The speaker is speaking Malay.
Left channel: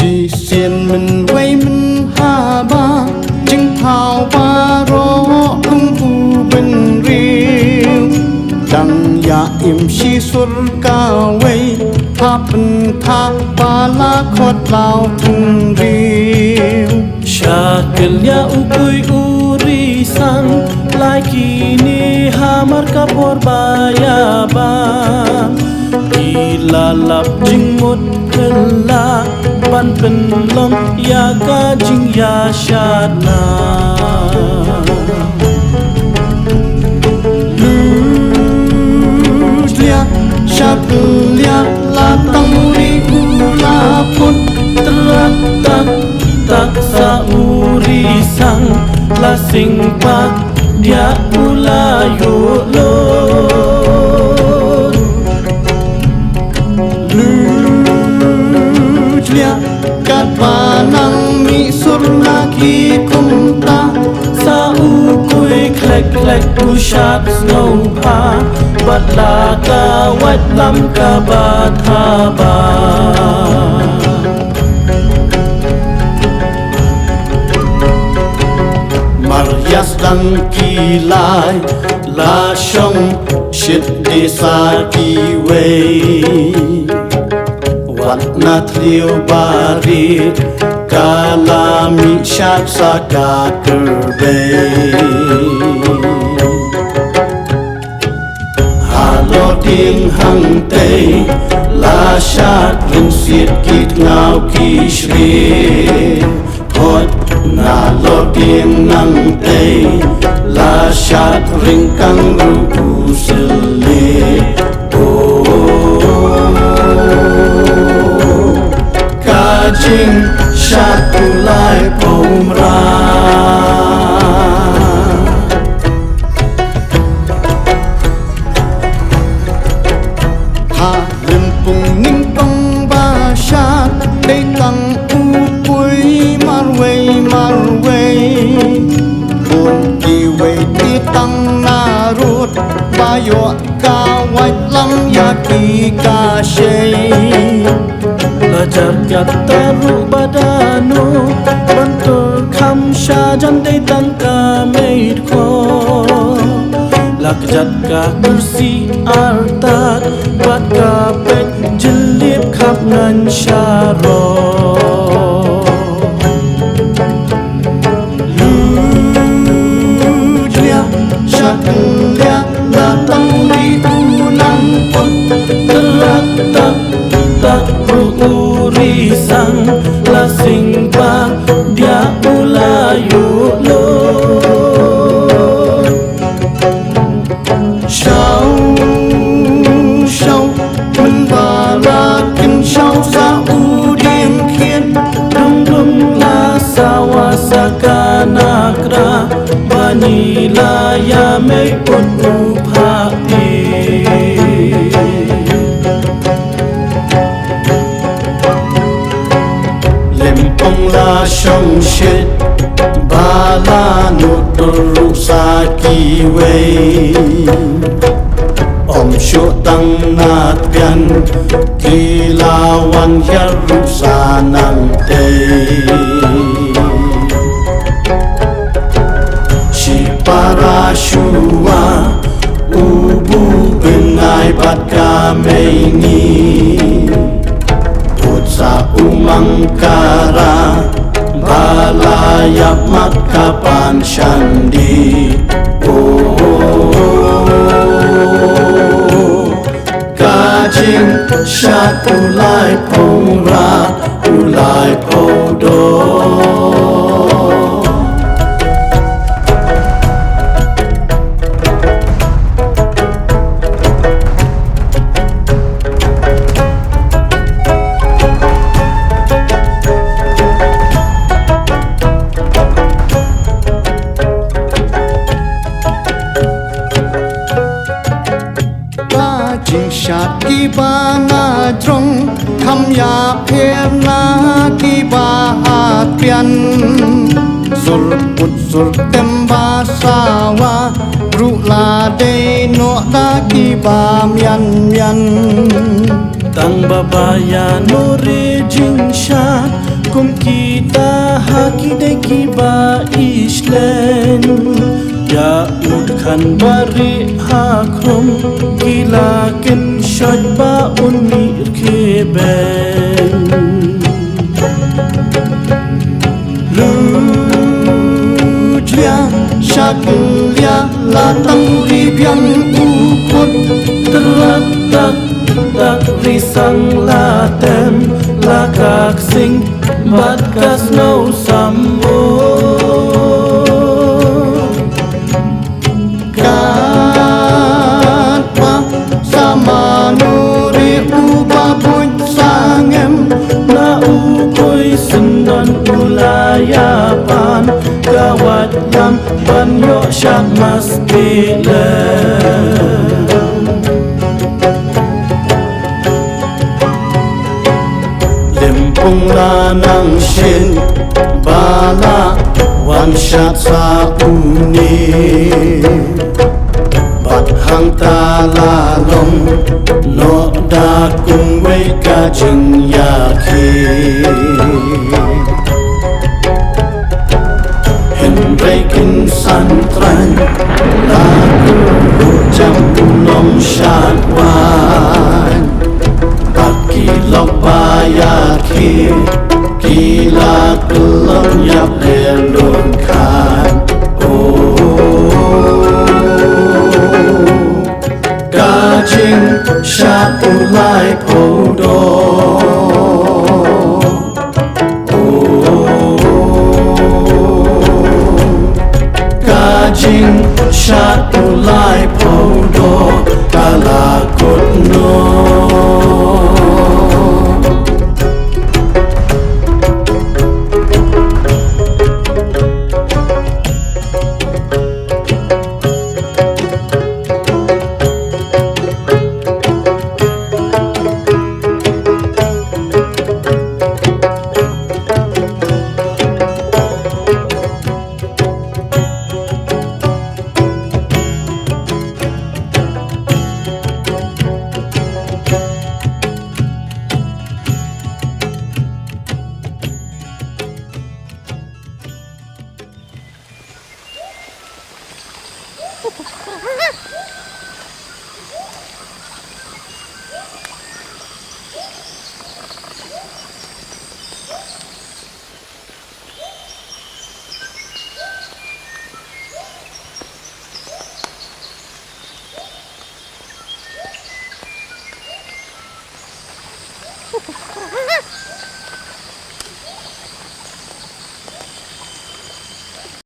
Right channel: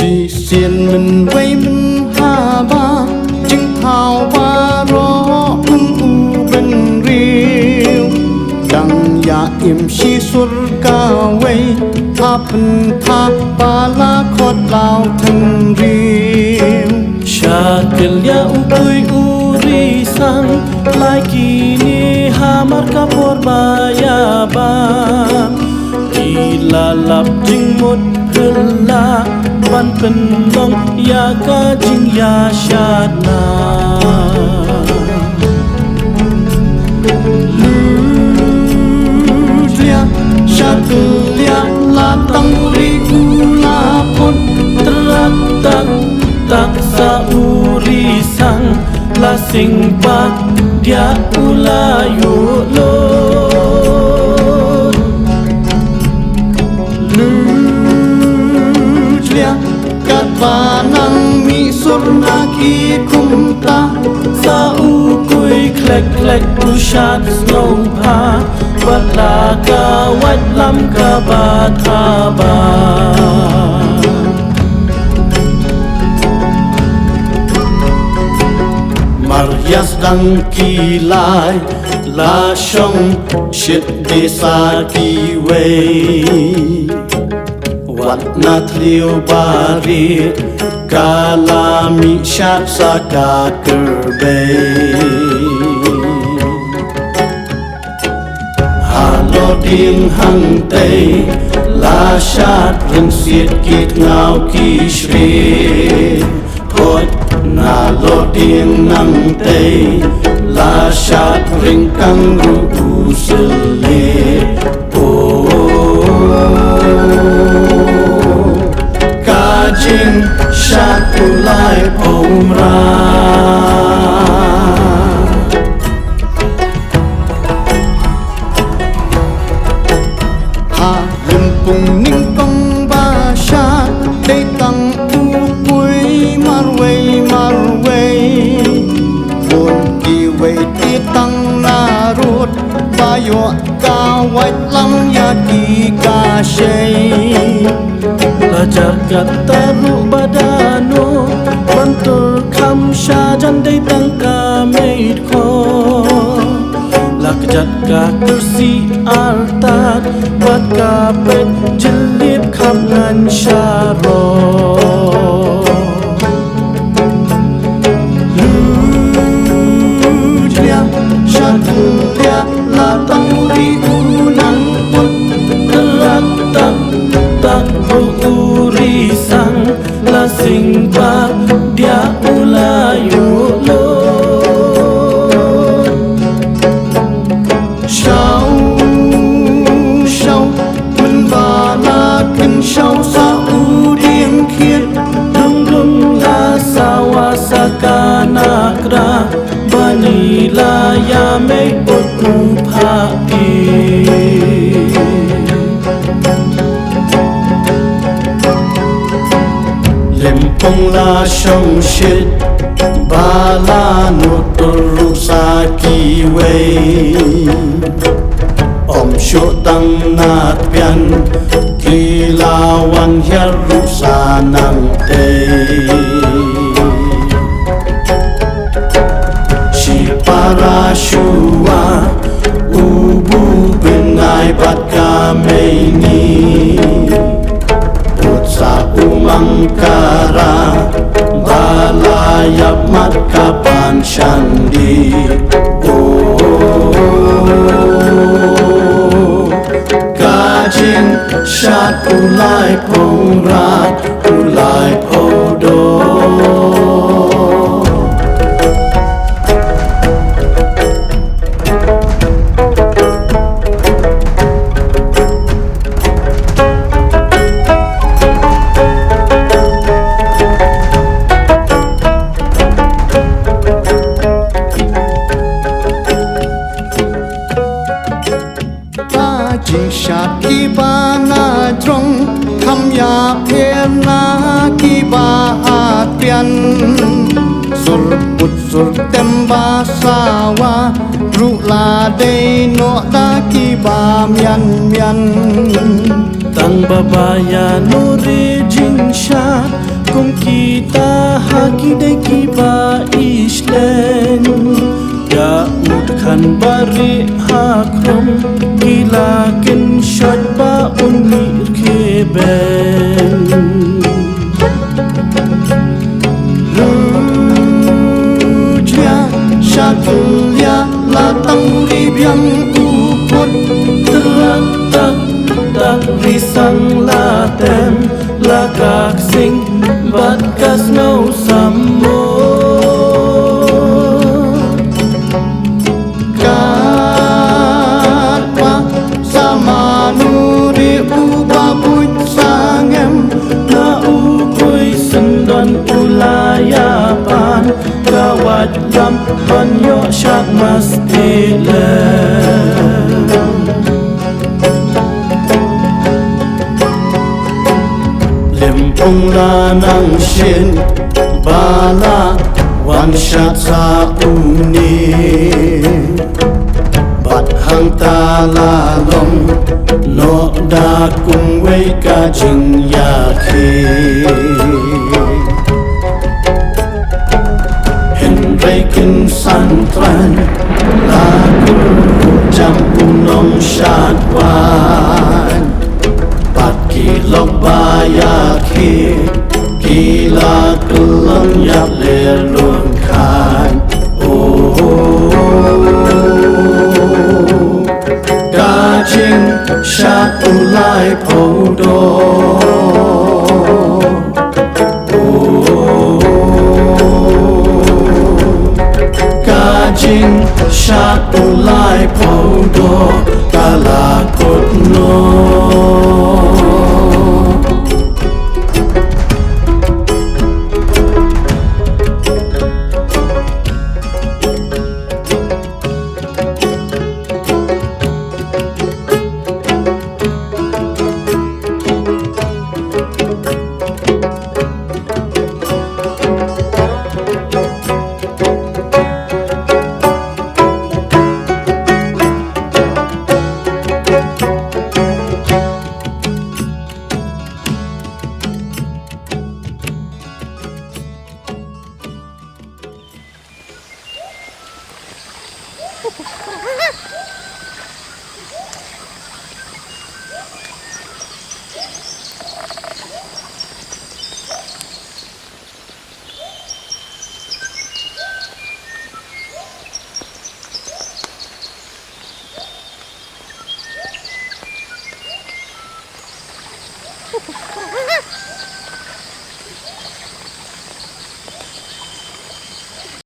chỉ xiên mình vây mình hà ba chứng thảo ba rõ cung u bên riêu đằng ya im si sur ca vây tha pen tha ba la khot lao thân riêu Shakilya ukui uri sang lai kini hamar kapor bayabam Kila lap jing mot kela ban pen long ya ka jing ya shadna Lutlia Shakilya la tanguri ula pun Teratak tak sauri sang la sing pa dia ulayo lo Lutlia kat panang mi sur lagi kumta sa ukui klek klek pusat snow pa batla ka wat lam ka bathaba Maryas dang kilai la shong shit desa ki wei wat na trio bari kalami shat sa ka kerbe halo ding hang tei la shat rin sit kit ngau ki shri hot na lo ding nang tei la shat ring kang ru usle o ka jing shat ulai pomra ha limpung ning pang ba shat dei tang u pui marway buồn kỳ về ti tăng na ruột ba yo ca white lam ya ki ka shei la jar kata ru badano bantur kham sha jan dei tang ka made ko lakjat ka kursi artat bat ka pet jilip khap ngan sharo Lutlia Shakilya la tanguri unang pun teratak tak uri sang la sing pa dia ulayo lo Shao mình và la kinh shao sa u điên khiên dum dum la sawa sakana kra bani la ya me otu pha ti Lempong la shong shit ba la nuturu sa ki wei om shu tang nat pian ki la wan hiar ru sa nang te shi para shua ubu benai bat ka mei ni sa umangkara balayap mat kapan shandi kajing shat ulai pong rat ulai podo จิงชาติกีบานาตรงคำยาเพรนากีบาอาเปียนสุรปุตสุรเต็มบาสาวารุลาเดโนดากีบามยันยันTang babaya nore jingshat kum kita haki de kiba islen ya ud khan bari hakrom gila ken shot ba unir kheben Lujia shaklia la tang ribyang upot tratak tak risang latem lagak sing bat kas no sammo kat pa sama nuri uba puj sangem na ukoy sendon ulayapan gawat lam banyo syak mastile Limpung lanang shin bala wan shat sa uni bat hang ta la long no da kung wei ka jing ya khi hen rei kin san tran la ku jam nong shat wan Kilok bayar Kila kelong yap lelun kan Gajing syak ulai podo Gajing syak ulai podo Kalakut no